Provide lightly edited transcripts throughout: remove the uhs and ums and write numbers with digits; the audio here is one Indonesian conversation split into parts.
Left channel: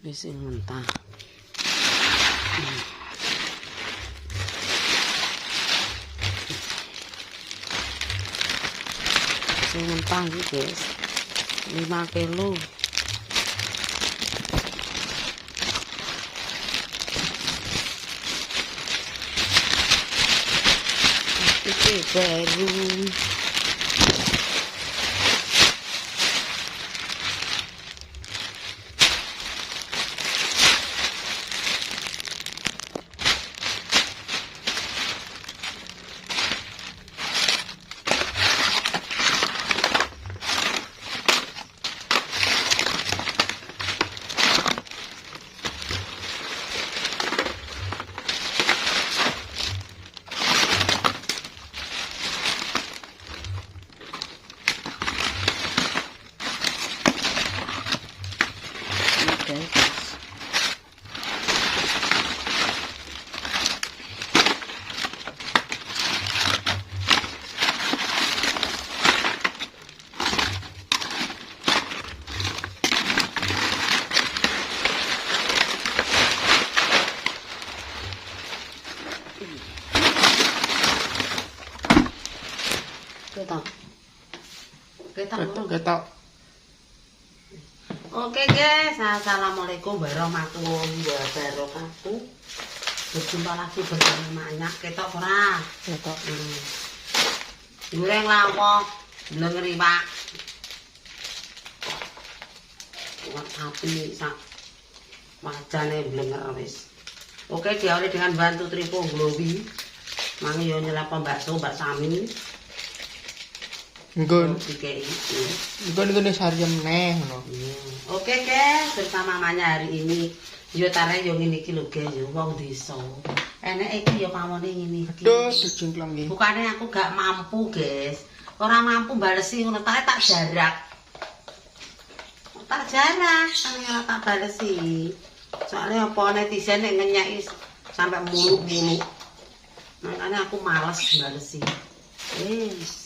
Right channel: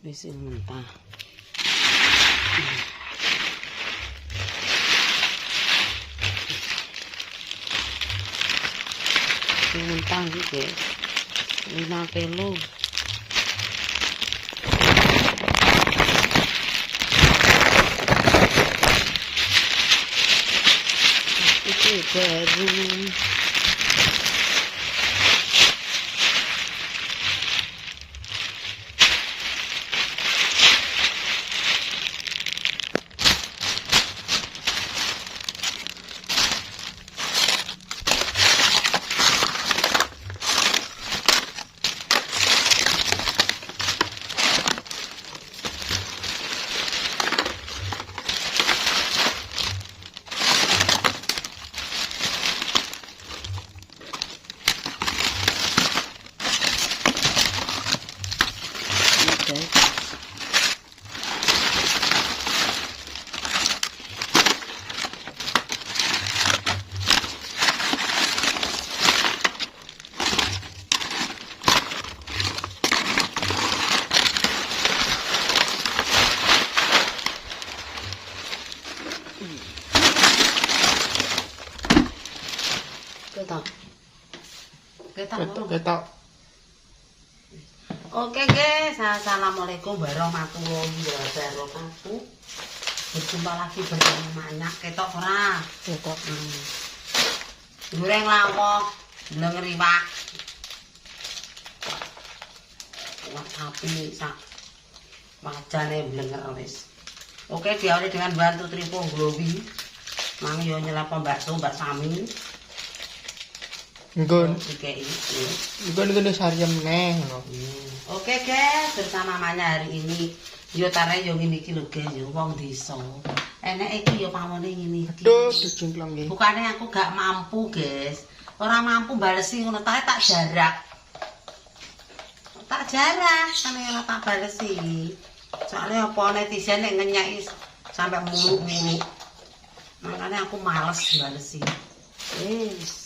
Wis mentah. Sing mentah iki, guys. 5 kilo. Itu baru. Ketok. Oke guys, assalamualaikum warahmatullahi wabarakatuh. Berjumpa lagi bersama Manyak. Ketok ora? Ketok. Goreng lawok, blenger iwak. Kuat api sak wajane blenger wis. Oke, diawali dengan bantu tripo glowi. Mang yo nyelap bakso Mbak Sami. Nggon nulis harian neh ngono. Oke guys, bersama Manya hari ini yo tare yo ngene iki lho guys, yo wong desa. Enek iki yo pamone ngene iki. Aduh, dijingklong iki. Bukane aku gak mampu, guys. Ora mampu balesi ngono tak jarak. Tak jarak, ane ora tak balesi. Soalnya apa netizen nek ngenyaki sampai muluk-muluk. Makanya aku males balesi.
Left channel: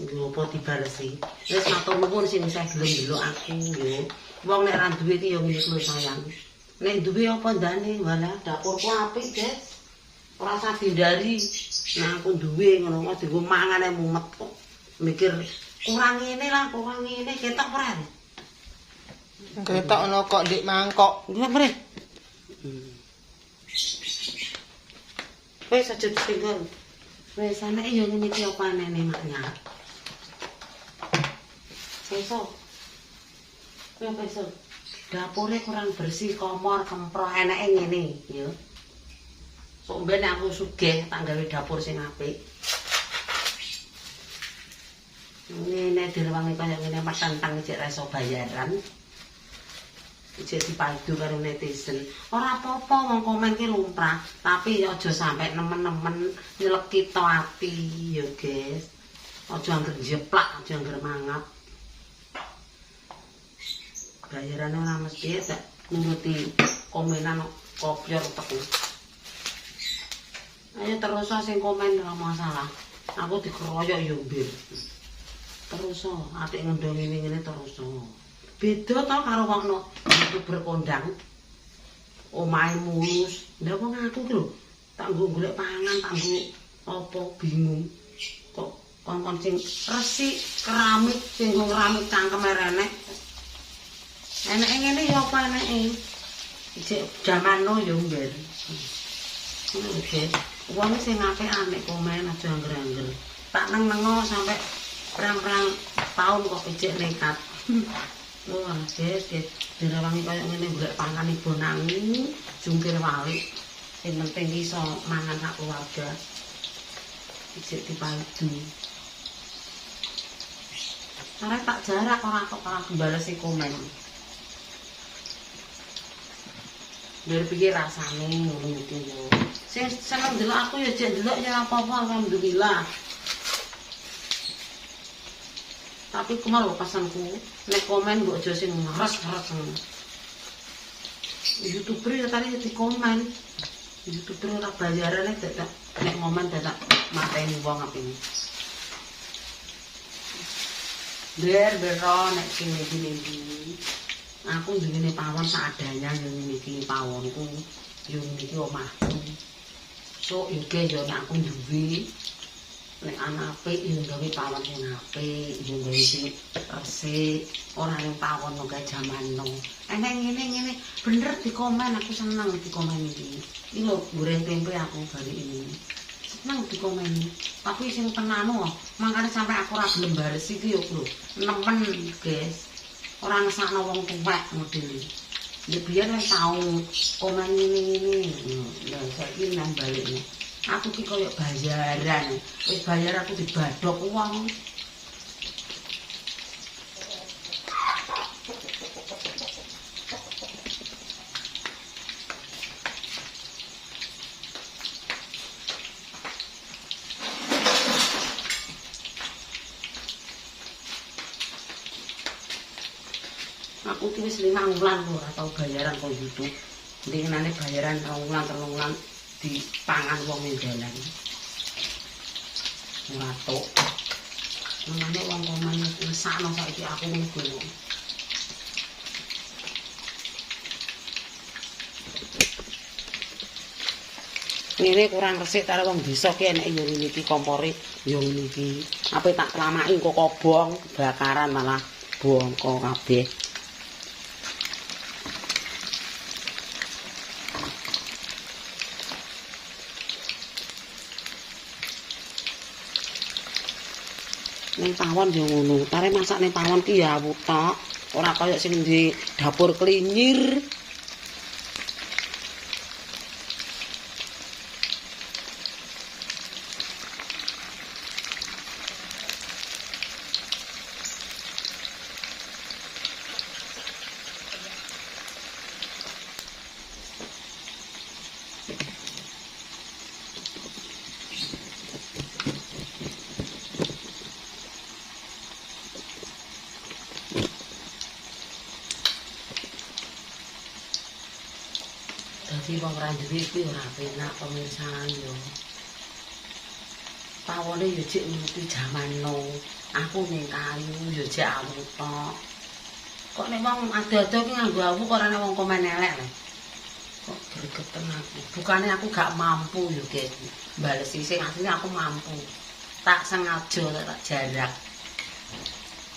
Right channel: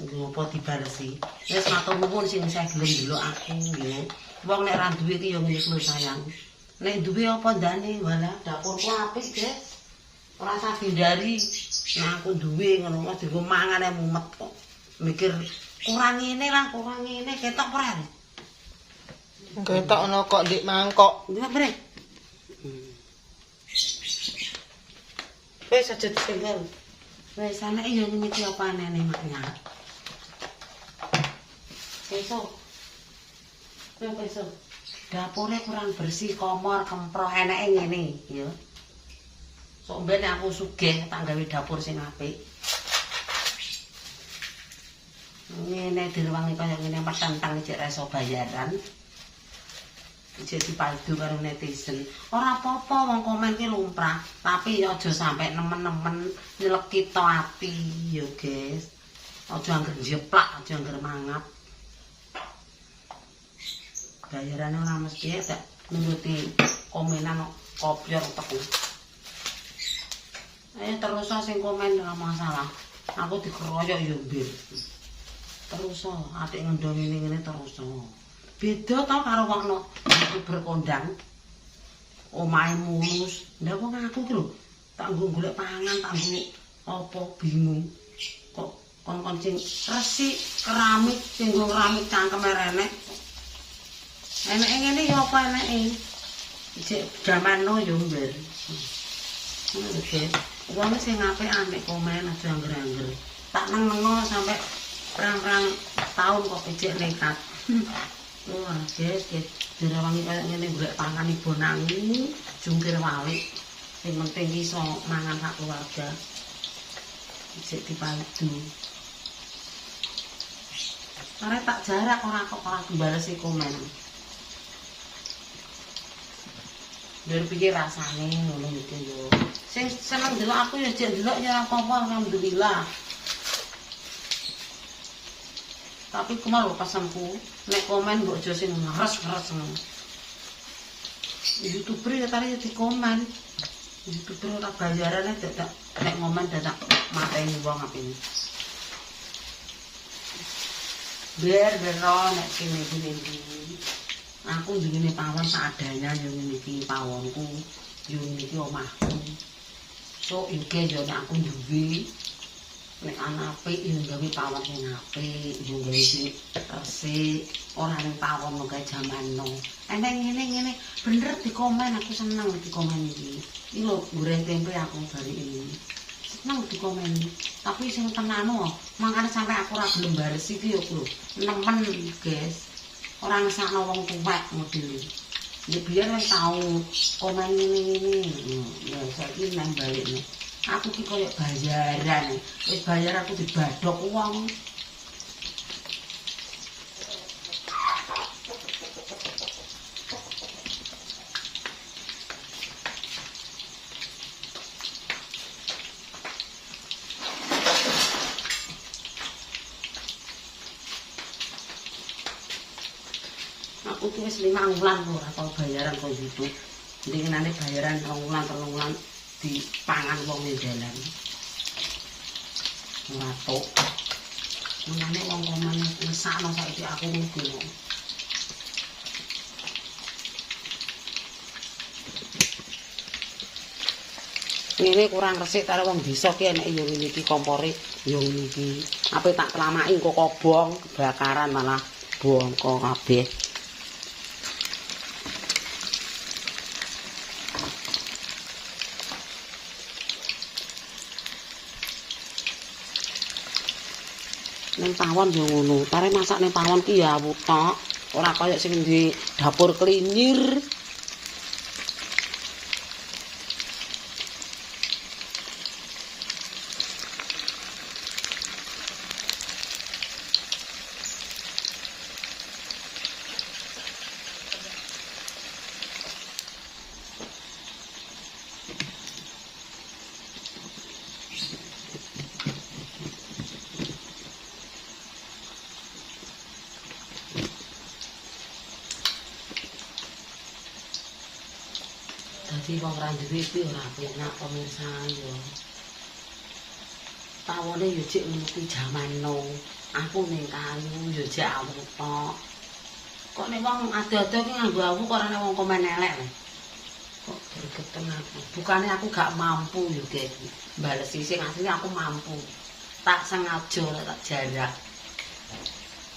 Ngopo dibalesi. Wis matur nuwun sing saya gelem ndelok aku yo. Wong nek ra duwe iki yo ngene lho sayang. Nek duwe apa ndane wala dapurku apik, guys. Ora usah dihindari. Nah aku duwe ngono kok dienggo mangane mumet kok. Mikir kurang ngene lah, kurang ngene ketok ora. Ketok ono kok ndik mangkok. Nggih, Bre. Wis aja ditinggal. Wis ana yo ngene iki apa anene maknya. Besok. Ya besok. Dapure kurang bersih, komor, kemproh enake ngene, yo. Sok ben aku sugih tak gawe dapur sing apik. Ngene direwangi kaya ngene petentang cek reso bayaran. Cek dipadu karo netizen. Ora apa-apa wong komen ki lumrah, tapi ya aja sampe nemen-nemen nyeleki to ati yo, guys. Aja angger jeplak, aja angger mangap. Bayarane ora mesti tak nuruti komenan kopior teku. Ayo terus sing komen ora masalah. Aku dikeroyok yo mbir. Terus atik ngendong ngene terus. Beda to karo wong YouTuber kondang. Omahe mulus. Lah wong aku ki lho tak nggo golek pangan, tak nggo apa bingung. Kok kon-kon sing resik keramik sing nggo keramik cangkeme renek. Eneke ngene ya apa eneke? Cek jamanno yo mbir. Oke. Wong sing apik anek komen aja angger-angger. Tak neng-nengo sampai perang-perang tahun kok ijek nekat. Wah, guys, direwangi kaya ngene golek pangan ibu nangi, jungkir walik. Sing penting iso mangan sak keluarga. Ijek dipadu. Ora tak jarak ora kok ora balesi komen. Biar pikir rasane ngono iki yo. Sing seneng ndelok aku ya jek ndelok ya ora apa-apa alhamdulillah. Tapi kemaru pasanku nek komen mbok aja sing ngeres-ngeres ngono. YouTuber ya tadi di komen. YouTuber ora bayarane dadak nek ngomen dadak mateni wong apine. Biar nek sing ngene iki. Aku ngene pawon seadanya yo niki pawonku, yo niki omahku. So iki yo aku duwe nek ana apik yo gawe pawon sing apik, yo gawe sing resik, ora ning pawon kok jaman no. Emang ngene bener dikomen aku seneng dikomen iki. Iki lho goreng tempe aku bari ini. Seneng dikomen. Tapi sing tenano mangkane sampe aku ora gelem bares iki yo lho. Nemen, guys. Ora ngesakno wong tuwek model. Ya biyen wis tau komen ngene-ngene. Lah saiki nang balikne. Aku ki koyo bayaran. Wis bayar aku dibadhok wong. Aku tuh wis 5 wulan lho ora tau bayaran kok YouTube. Ndingenane bayaran 2 wulan 3 wulan dipangan wong ning dalan. Ora tok. Mangane wong komen ngesakno saiki aku ngono. Ngene kurang resik karo wong desa ki eneke yo ngene iki kompore yo ngene iki. Ape tak kelamaki kok kobong bakaran malah bongko kabeh. Ning pawon yo ngono. Tare masak ning pawon ki ya wutok, ora kaya sing di dapur klinyir. Dadi wong ra duwe iki ora penak pemirsa yo. Pawone yo jek ngerti jaman no. Aku ning kayu yo jek awu tok. Kok nek wong ado-ado ki nganggo awu kok ora wong komen elek le. Kok gregeten aku. Bukane aku gak mampu yo guys. Balesi sing asline aku mampu. Tak sengaja tak jarak.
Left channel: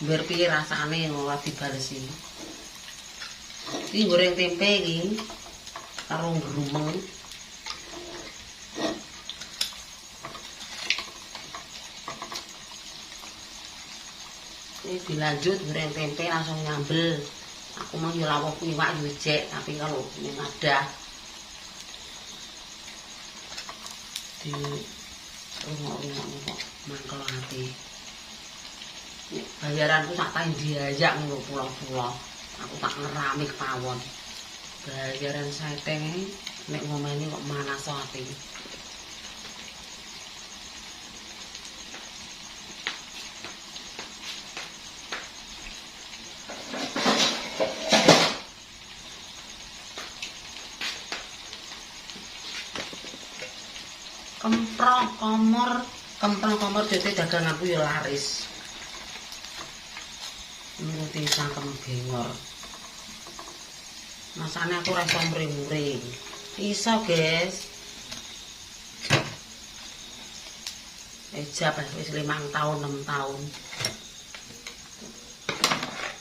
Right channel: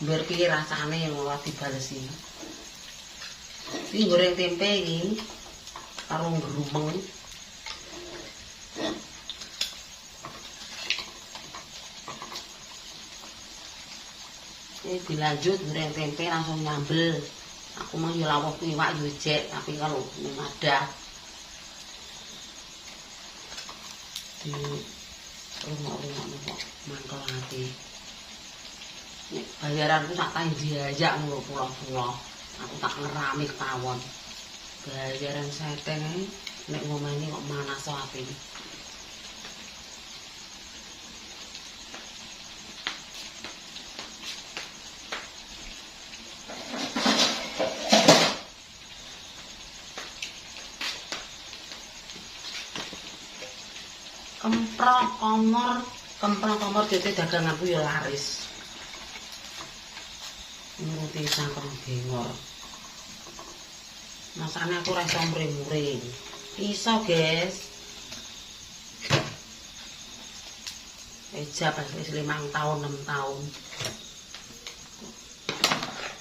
Biar piye rasane ora dibalesi. Iki goreng tempe iki. Karo grumeng. Ini dilanjut goreng tempe langsung nyambel. Aku mah yo lawuh iwak yo jek, tapi kalau ini ada di rumah-rumah kok mangkel ati. Nek bayaranku sak tak diajak ngono pulau-pulau. Aku tak ngerami kepawon. Bayaran seteng nek ngomeni kok manas ati. Kemprong komor dite daganganku ya laris. Nuruti cangkem bengor. Masane aku ora iso mring-mring. Iso, guys. Ejab wis 5 tahun, 6 tahun.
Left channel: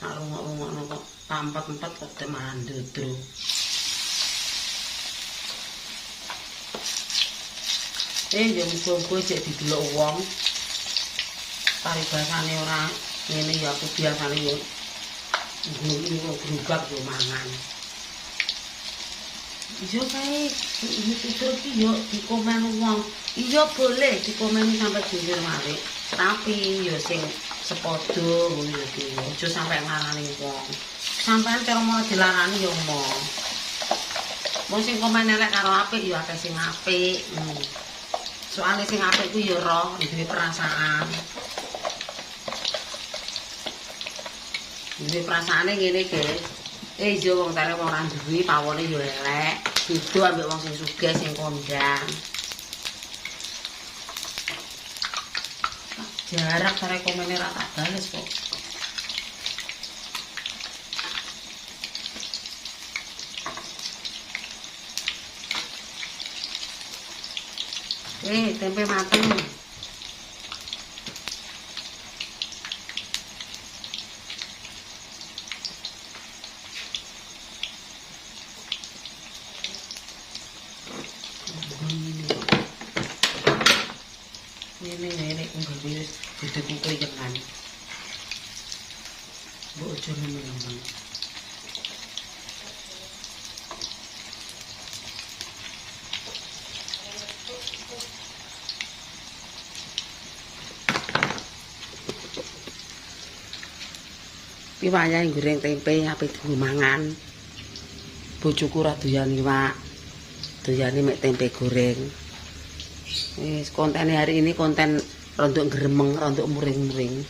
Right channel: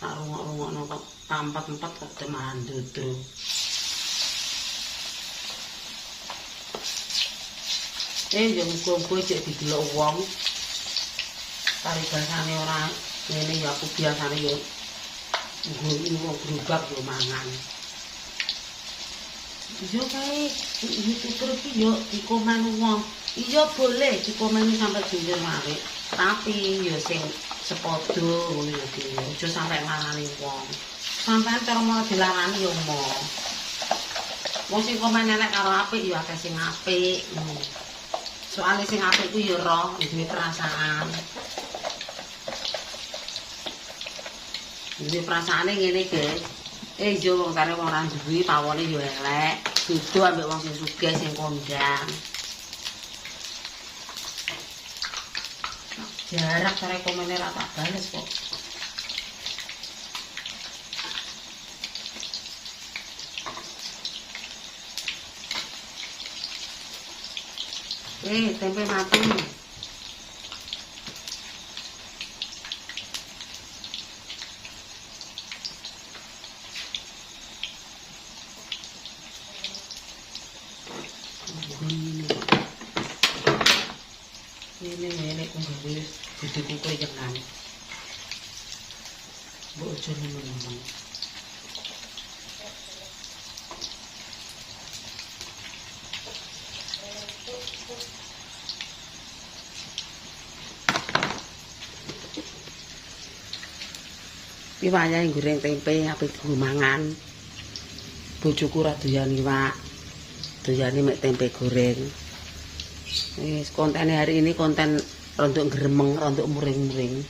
Tak rungok-rungokno kok pampet-empet kok demaran dodro. Yo muga-muga jek didelok wong. Paribasane ora ngene ya aku biasane yo nggo grubak yo mangan. Yo kae YouTuber ki yo dikomen wong. Iya boleh dikomeni sampai jujur malih. Tapi yo sing sepodo ngono yo ki. Aja sampe ngarani wong. Sampeyan cara mau dilarani yo mo. Wong sing komen elek karo apik yo akeh sing apik. Soale sing apik ku yo roh, duwe perasaan. Duwe perasaane ngene, guys. Yo wong tare wong ora duwe pawone yo elek. Beda ambek wong sing sugih sing kondang. Jarak tare komene ra tak bales kok. Tempe mateng. Ini kok gawe gedhe kuyengan. Mbok aja ngomong. Iki wayahe goreng tempe ape dienggo mangan. Bojoku ora doyan iwak. Doyane mek tempe goreng. Wis kontene hari ini konten rontok gremeng, rontok muring-muring.